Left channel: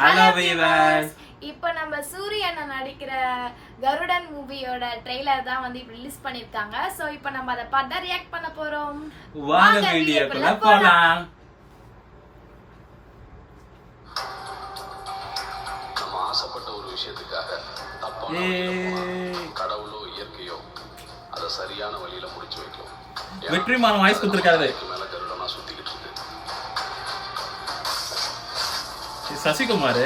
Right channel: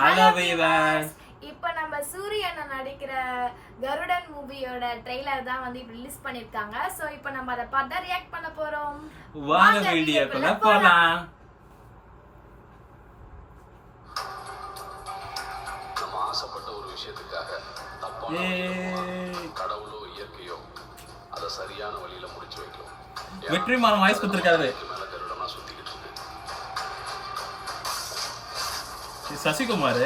Hello viewers, இப்போ நம்ம சூரிய அண்ணன் நடிக்கிற கருடன் மூவியோட ட்ரெய்லர் தான் வந்து இப்போ ரிலீஸ் பண்ணிருக்காங்க. சோ இப்போ நம்ம அதை பார்த்து ரியாக்ட் பண்ண போறோம். வாங்க வீடியோக்குள்ள போலாம். நம்ம ஆசைப்பட்ட ஒரு விஷயத்துக்காக தப்பான கடவுளோ இயற்கையோ அதை சரியான வழியில முடிச்சு வைக்கும். வெற்றிமாறன் வாய்ஸ் கொடுத்திருக்காரு. மேல கருடனா சுத்திக்கிட்டு இருக்கு. சசிகுமார்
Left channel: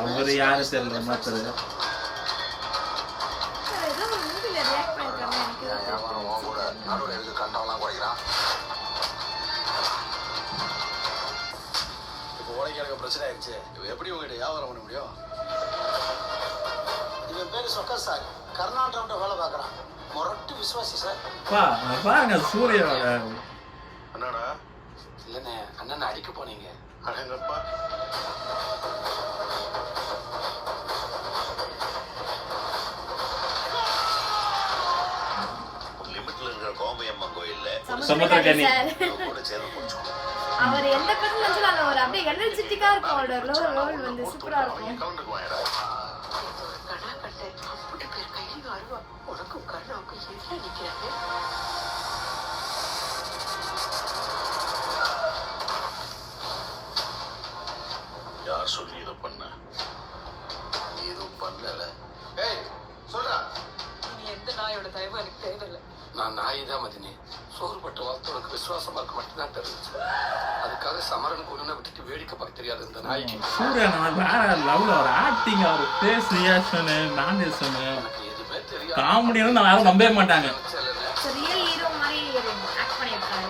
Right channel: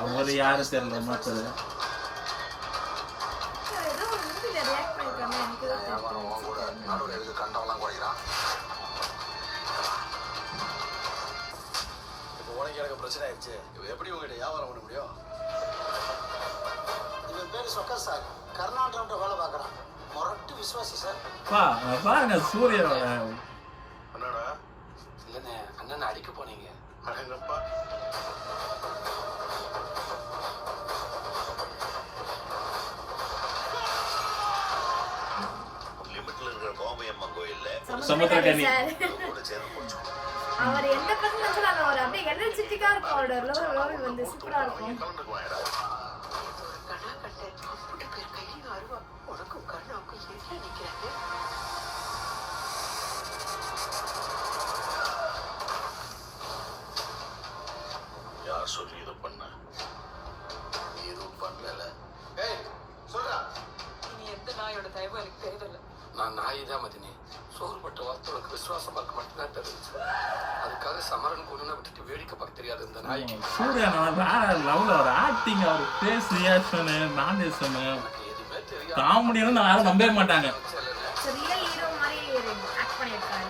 அவர் யாரு தெரியல மாத்தது. இப்போ உனக்கு எனக்கு பிரச்சனை ஆயிடுச்சு. எப்படி உங்ககிட்ட வியாபாரம் பண்ண முடியும்? இவன் பேரு சொக்கர் சார், கர்நாடகாவிட்ட வேலை பார்க்குறான். மொரட்டு விசுவாசி சார். பாருங்க சூரியோட. என்னடா? இல்லைண்ணே, அண்ணன் அடிக்க போனீங்க. அடங்கப்பா. லிமிட்ல இருக்கிற கோமயம்மன் கோயில்ல சமுத்திரக்கனி கூட சேர்ந்து முடிச்சோம். அவர் எந்த பக்கம் வந்தாலும் அவர் அப்படியே எனர்ஜெட்டிக்கா இருக்கும். அவரோட ரோல் வந்து சூப்பரா இருக்கும். கவுண்டருக்கு வாங்கடா. கண்ணா கட்ட அப்படி பேர் கையில் வருவா. உனக்கும் கருணாவுக்கும் எதிராக நிற்கிறாங்க. யார் சொல்லி இதை பண்ண? நீ எதுவும் பண்ணல. ஏய் சொல்றா. இனி எந்த நாயோட தயவும் எனக்கு தேவையில்லை. நான் நாய் தான் மதினி. சோறுபட்ட வார்த்தை உனக்கு விசுவாசமா இருக்க மட்டும்தான் தெரிஞ்சு. அதுக்காக சமரனுக்கு ஒண்ணு விட்டுட்டு வேடிக்கை பார்க்க தெரியாது இந்த நாய்க்கு. சூரியன் வேற லெவல்ல ஒரு ஆக்டிங், அவர் ஃபேஸ் ரியாக்ஷன், மேனரிசம், எனக்கு எதுவுமே தெரியாது. காமெடின்னு நான் யாரும் நம்பவே மாட்டாங்க. ரியல் ஹீரோ மாதிரி ஆக்ட் பண்ணிருக்காரு.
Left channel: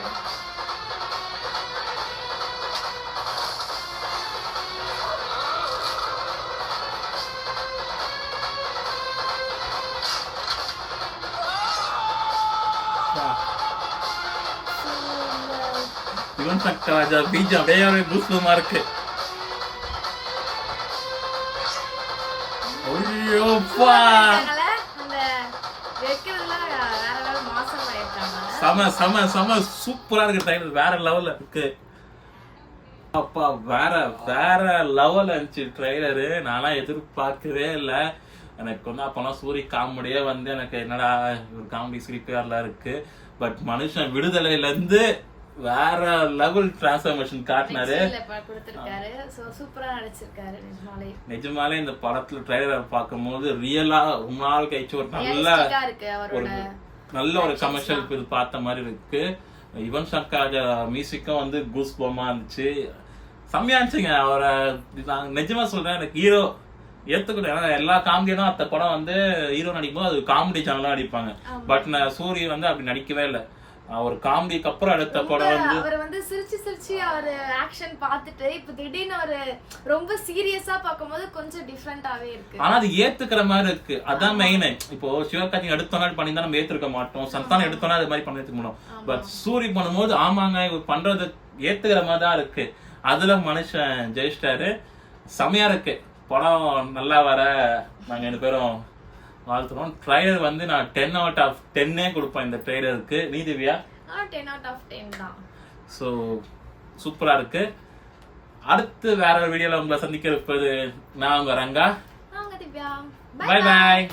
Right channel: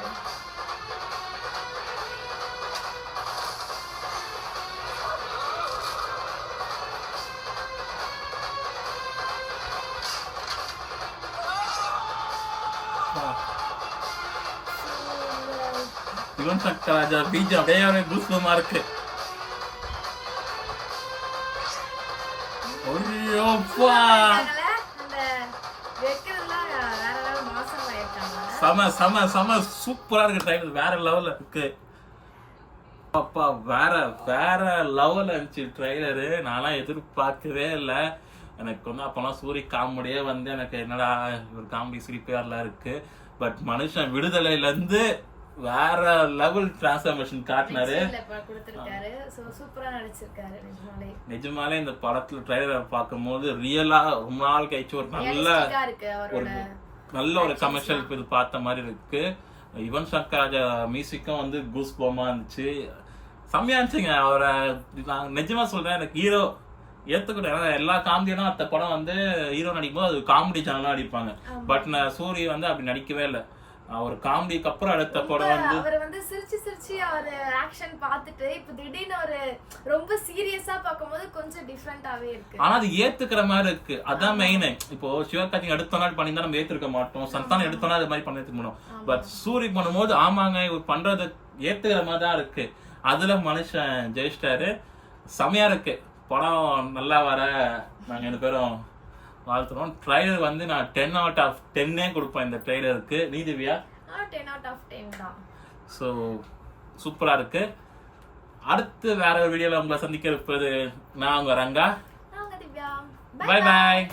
யுவன் சங்கர் ராஜா பீஜ் அப்படியே ஒரு பூஸ்பமா இருக்கு. ஐயோப்பா, அந்த வெக்கிறதுலாம் வேற லெவல் மாசம் ஆயிருக்காங்க. சம சம சம சூப்பரா இருக்கு. ட்ரைலர் வேற லெவல்ல இருக்கு. அப்பா வேற வேற லெவல்ல இருந்துச்சு ட்ரைலரு. நான்லாம் எதிர்பார்க்கவே இல்லை. எனக்கு வந்து அப்போலாம் சூரிய காமெடியே வந்து எனக்கு என்னடா ஒரு காமெடி சிரிப்பேர்லாம் இருக்கு. பட் மனுஷன் விடுதலையிலேருந்து வேற லெவல் டிரான்ஸ்ஃபர்மேஷன் காட்டினாரு. சூப்பரா நடிச்சிருக்காரு. நிஜமாலே இந்த படத்துல ட்ரைலர் பார்க்கும்போது ரியலா ரொம்ப நாள் கழிச்சு ஒரு நல்ல ஒரு கமர்ஷியல் இது பார்த்த மாதிரி இருக்கு. யுவன் சங்கர் ராஜா மியூசிக்கும் வந்து கூஸ் பம்மா இருந்துச்சு. செம்மையா இருந்துச்சுங்க. அவரை நான் நிஜமா சொல்றேன், எனக்கு ஹீரோ ஏத்துக்கிட்டேன். ஏன்னா எல்லா காமெடியும் அந்த படம் வந்து ஹீரோ நடிக்கும் போது அது காமெடி சேனலா நடிப்பாங்க. பட் நான் சூரிய வந்து அப்படி நடிக்கவே இல்லை. அவர் காமெடிக்கு அப்புறம் அடுத்த படம் வந்து அவர் வந்து சிரிச்சு சிரிச்சு அவர் ஆக்ஷன் பார்த்துட்டு இப்ப திடீர்னு ஒரு ரொம்ப சீரியஸா பார்க்கும்போது கொஞ்சம் டிஃபரெண்டாவே இருக்கு. ஆனா அது ஏத்துக்கிற மாதிரி இருக்கு. அதான் மெயின். இப்போ சிவகார்த்திகேயன் எடுத்த நாள் பண்ணியிருந்தா நம்ம ஏத்துக்க மாட்டோம். சந்தானம் எடுத்தோம்னா அது மாதிரி பண்ணிட்டு முடியும். பட் சூரி பண்ணும்போது ஆமாங்க இவர் பண்றது ஏத்துக்கிற மாதிரி தான் இருக்கு. அதுல மனுஷன் ஜெயிச்சிட்டாரு. செமையா இருக்கு. படம் நல்லா வர நாங்க 2 பேரும் வாழ்த்துறோம். ட்ரைலர் வந்து நான் 10 out of 10 கொடுப்பேன் இந்த ட்ரைலருக்கு. நீ திவ்யா? 10 out of 10 தான். ஸோ சூப்பரா இருக்கு. அடுத்து வேற ஒரு வீடியோல உங்களை சந்திக்க இருப்பது நான் உங்க ரங்கா. திவ்யா. Bye bye.